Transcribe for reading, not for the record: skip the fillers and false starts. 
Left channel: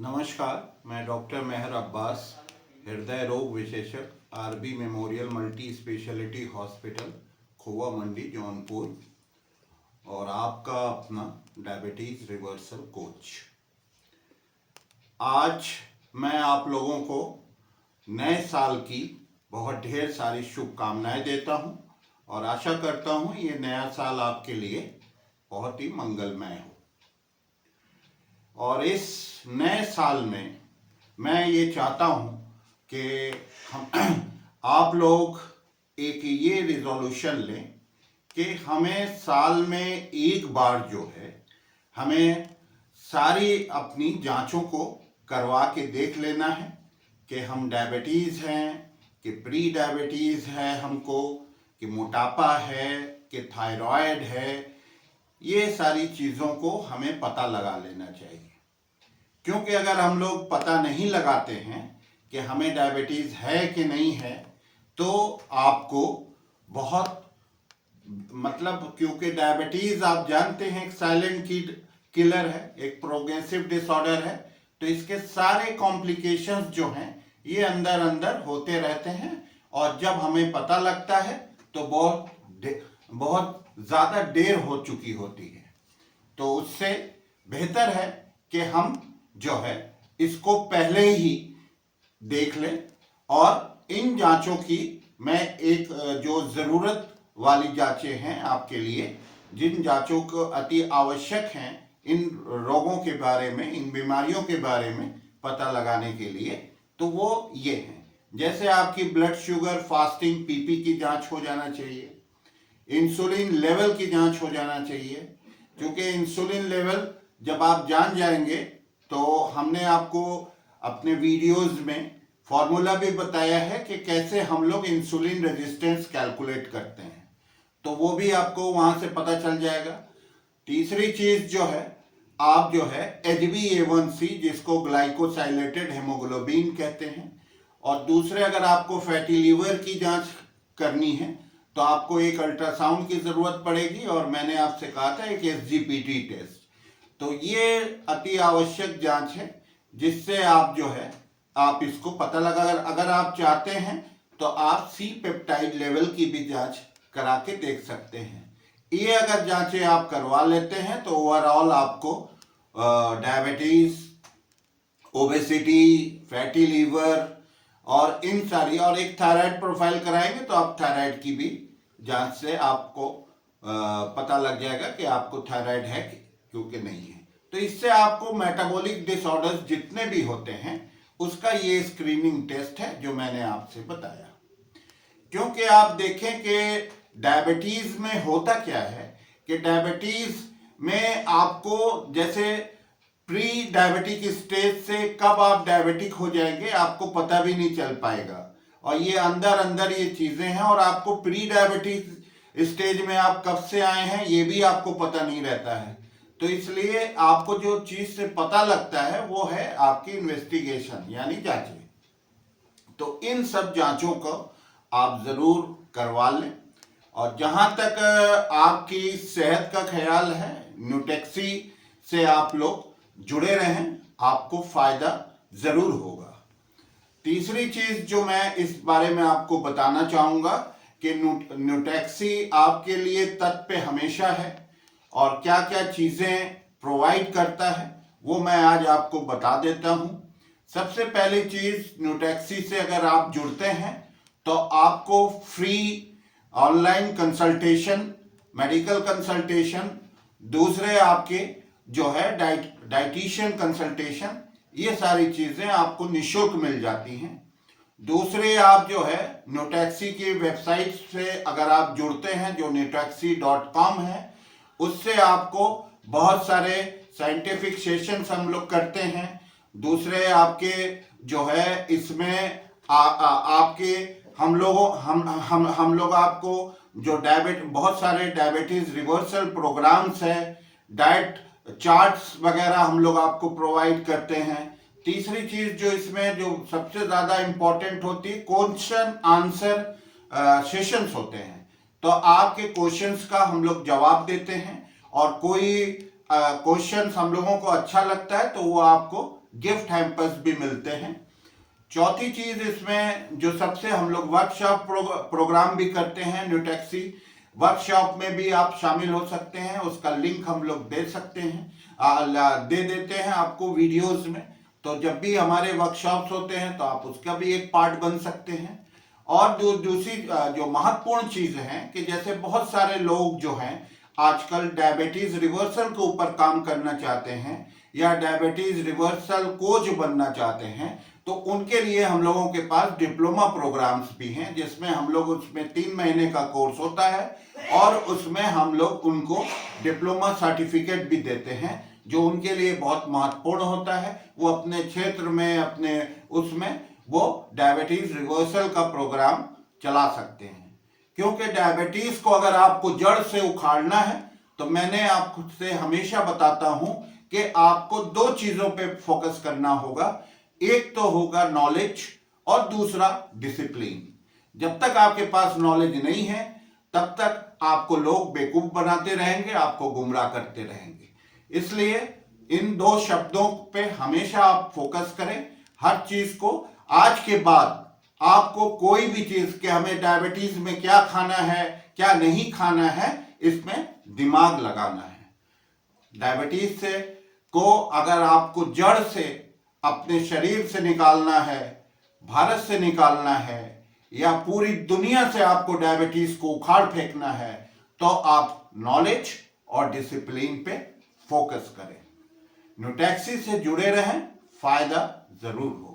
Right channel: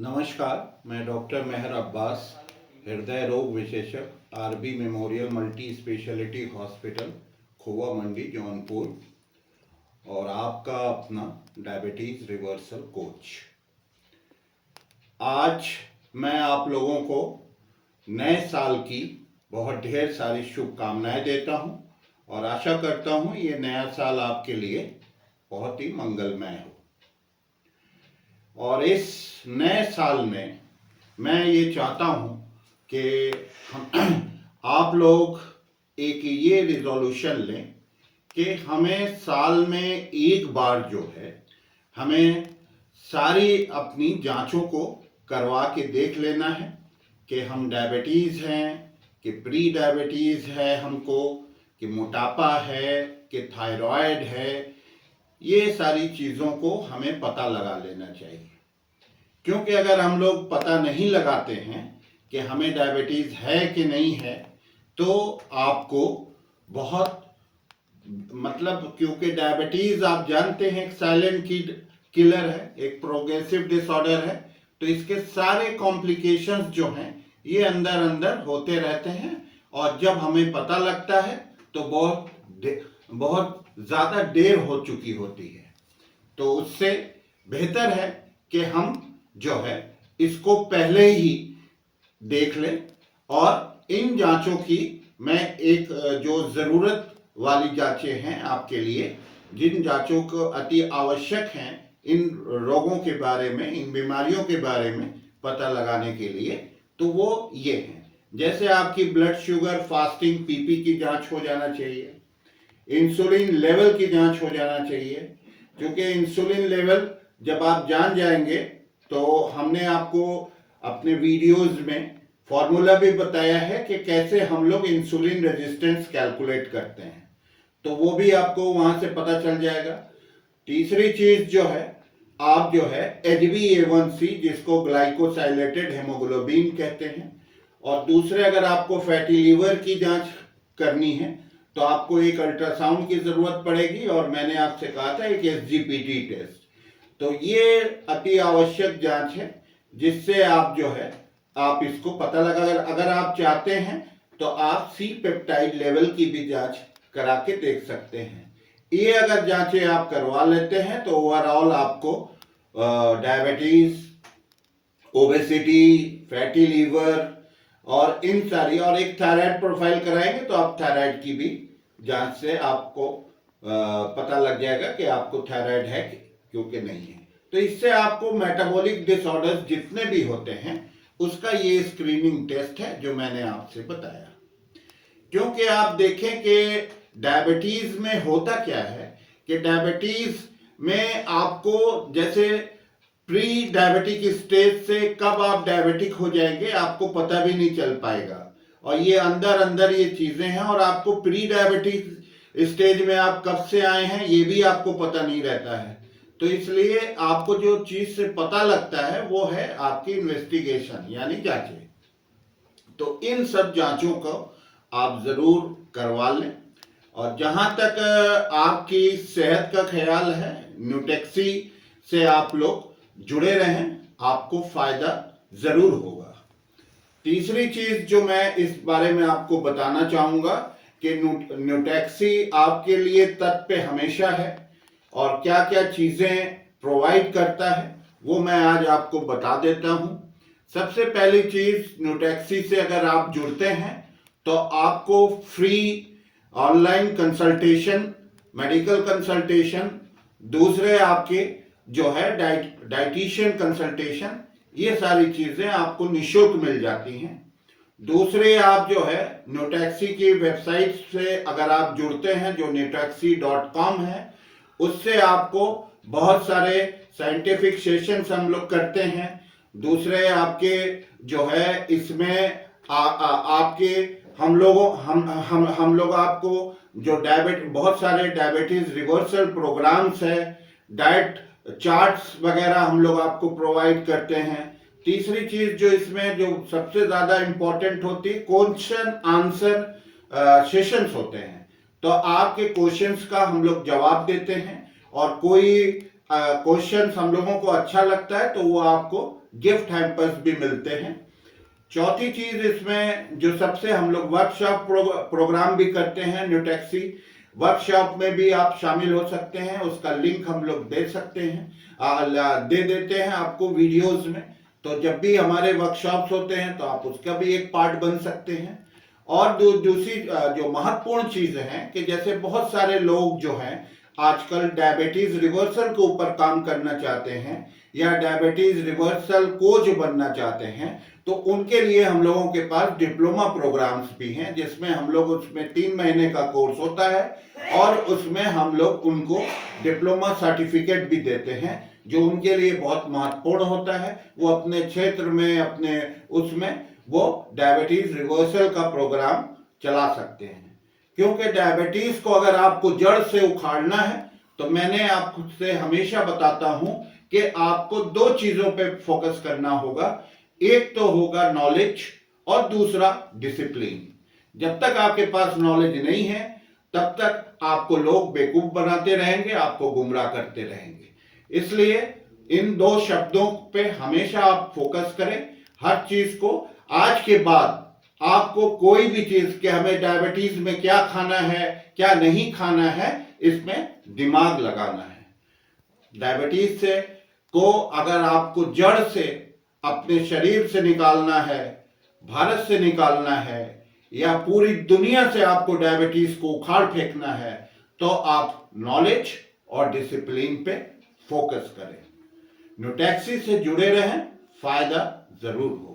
नमस्कार, मैं डॉक्टर मेहर अब्बास, हृदय रोग विशेषज्ञ, RB memorial multi speciality hospital, Khowa Mandi, Jaunpur, और आपका अपना डायबिटीज़ रिवर्सल कोच। आज मैं आप लोगों को नए साल की बहुत ढेर सारी शुभकामनाएं देता हूं और आशा करता हूं ये नया साल आपके लिए बहुत ही मंगलमय हो। और इस नए साल में मैं ये चाहता हूँ कि हम आप लोग एक ये रिजोल्यूशन लें कि हमें साल में एक बार जो है हमें सारी अपनी जांचों को करवा के देख लेना है कि हम डायबिटीज़ हैं, कि प्री डायबिटीज़ है हमको, कि मोटापा है, कि थायराइड है। ये सारी चीज़ों को हमें पता लगा लेना चाहिए, क्योंकि अगर हम लोग पता नहीं लगाते हैं कि हमें डायबिटीज़ है कि नहीं है तो आपको बहुत क्योंकि डायबिटीज़ आप जानते हैं एक साइलेंट किलर है, एक प्रोग्रेसिव डिसऑर्डर है, तो इसके सारे कॉम्प्लिकेशंस जो हैं ये अंदर अंदर होते रहते हैं और जब हमें पता लगता है तो बहुत ज़्यादा देर हो चुकी होती है। तो उससे बेहतर है कि हम जो है इसको पहले ही देख लें। और इन जांचों की मैं एक जो ज़रूरत वाली जांचें हैं आपके लिए, जिन जांचों को अति आवश्यक हैं इन रोगों के बारे में, इन बीमारियों के बारे में पता लगाने के लिए, तो वो ये हैं। जैसे आपकी ब्लड शुगर फास्टिंग पीपी की जांच हो जाना चाहिए, इंसुलिन लेवल की जांच हो जाना चाहिए, क्योंकि इंसुलिन लेवल जब आप जान जाएंगे तो हमने आपको अपने वीडियोस में फॉर्मूला भी बताया है कि कैसे हम लोग इंसुलिन रेजिस्टेंस कैलकुलेट करते हैं, तो वो भी आपको वहाँ से पता चल जाएगा। तीसरी चीज़ जो है, आप जो है HbA1c जिसको ग्लाइकोसाइलेटेड हेमोग्लोबिन कहते हैं, और दूसरे अगर आपको फैटी लीवर की जांच करनी है तो आपको एक अल्ट्रासाउंड की ज़रूरत पड़ेगी, और मैंने आपसे कहा था एक SGPT टेस्ट। तो ये अति आवश्यक जांच है जिससे आप जो है आप इसको पता लगा, अगर आप चाहते हैं तो आप सी पेप्टाइड लेवल की भी जांच करा के देख सकते हैं। ये अगर जांचें आप करवा लेते हैं तो ओवरऑल आपको डायबिटीज़, ओबेसिटी, फैटी लीवर और इन सारी, और एक थायराइड प्रोफाइल कराएंगे तो आप थायराइड की भी जांच से आपको पता लग जाएगा कि आपको थायराइड है क्योंकि नहीं है। तो इससे आपको मेटाबॉलिक डिसऑर्डर्स जितने भी होते हैं उसका ये स्क्रीनिंग टेस्ट है जो मैंने आपसे बताया। क्योंकि आप देखें कि डायबिटीज़ में होता क्या है कि डायबिटीज़ में आपको जैसे प्री डायबिटिक स्टेज से कब आप डायबिटिक हो जाएंगे आपको पता भी नहीं चल पाएगा, और ये अंदर अंदर ये चीज़ें हैं, और आपको प्री डायबिटिक स्टेज में आप कब से आए हैं ये भी आपको पता नहीं रहता है। तो इसलिए आपको जो चीज़ से पता लगता है वो है आपकी इन्वेस्टिगेशन यानी जांचें। तो इन सब जांचों को आप ज़रूर करवा लें। और जहाँ तक आपकी सेहत का ख्याल है, न्यूटेक्सी से आप लोग जुड़े रहें, आपको फ़ायदा ज़रूर होगा। तीसरी चीज़ जो मैं इस बारे में आपको बताना चाहूँगा कि न्यूटेक्सी आपके लिए तत्पर हमेशा है, और क्या क्या चीज़ें प्रोवाइड करता है वो मैं आज आपको बता देता हूँ। सबसे पहली चीज़, न्यूटेक्सी से अगर आप जुड़ते हैं तो आपको free online consultation, medical consultation, दूसरे आपके जो है डाइटिशियन कंसल्टेशन, ये सारी चीज़ें आपको निःशुल्क मिल जाती हैं। दूसरे आप जो है न्यूटेक्सी की वेबसाइट से अगर आप जुड़ते हैं जो newtaxi.com है, उससे आपको बहुत सारे साइंटिफिक सेशंस हम लोग करते हैं। दूसरे आपके जो है इसमें आपके हम लोग आपको जो बहुत सारे डायबिटीज़ रिवर्सल प्रोग्राम्स है, डाइट चार्ट्स वगैरह हम लोग आपको प्रोवाइड करते हैं। तीसरी चीज़ जो इसमें जो सबसे ज़्यादा इम्पोर्टेंट होती है, क्वेश्चन आंसर सेशंस होते हैं। तो आपके क्वेश्चंस का हम लोग जवाब देते हैं, और कोई क्वेश्चंस हम लोगों को अच्छा लगता है तो वो आपको गिफ्ट हैम्पर्स भी मिलते हैं। चौथी चीज इसमें जो सबसे हम लोग वर्कशॉप प्रोग्राम भी करते हैं। न्यूटेक्सी वर्कशॉप में भी आप शामिल हो सकते हैं, उसका लिंक हम लोग दे सकते हैं, दे देते हैं आपको वीडियोस में। तो जब भी हमारे वर्कशॉप्स होते हैं तो आप उसका भी एक पार्ट बन सकते हैं। और दूसरी जो महत्वपूर्ण चीज है कि जैसे बहुत सारे लोग जो हैं आजकल डायबिटीज रिवर्सल के ऊपर काम करना चाहते हैं या डायबिटीज रिवर्सल कोच बनना चाहते हैं, तो उनके लिए हम लोगों के पास डिप्लोमा प्रोग्राम्स भी हैं, जिसमें हम लोग उसमें 3 महीने का कोर्स होता है और उसमें हम लोग उनको डिप्लोमा सर्टिफिकेट भी देते हैं, जो उनके लिए बहुत महत्वपूर्ण होता है। वो अपने क्षेत्र में अपने उसमें वो डायबिटीज रिवर्सल का प्रोग्राम चला सकते हैं। क्योंकि डायबिटीज को अगर आपको जड़ से उखाड़ना है तो मैंने आपसे हमेशा बताता हूं कि आपको 2 चीजों पे फोकस करना होगा। एक तो होगा नॉलेज और दूसरा डिसिप्लिन। जब तक आपके पास नॉलेज नहीं है तब तक आपको लोग बेवकूफ बनाते रहेंगे, आपको गुमराह करते रहेंगे। इसलिए इन 2 शब्दों पे हमेशा आप फोकस करें हर चीज को। आज के बाद आपको कोई भी चीज कि हमें डायबिटीज में क्या खाना है क्या नहीं खाना है, इसमें दिमाग लगाना है। डायबिटीज से को अगर आपको जड़ से अपने शरीर से निकालना है, भारत से निकालना है या पूरी दुनिया से आपको डायबिटीज को उखाड़ फेंकना है, तो आप नॉलेज और डिसिप्लिन पे फोकस करें। न्यूटेक्सी से जुड़े रहें, फायदा जरूर हो।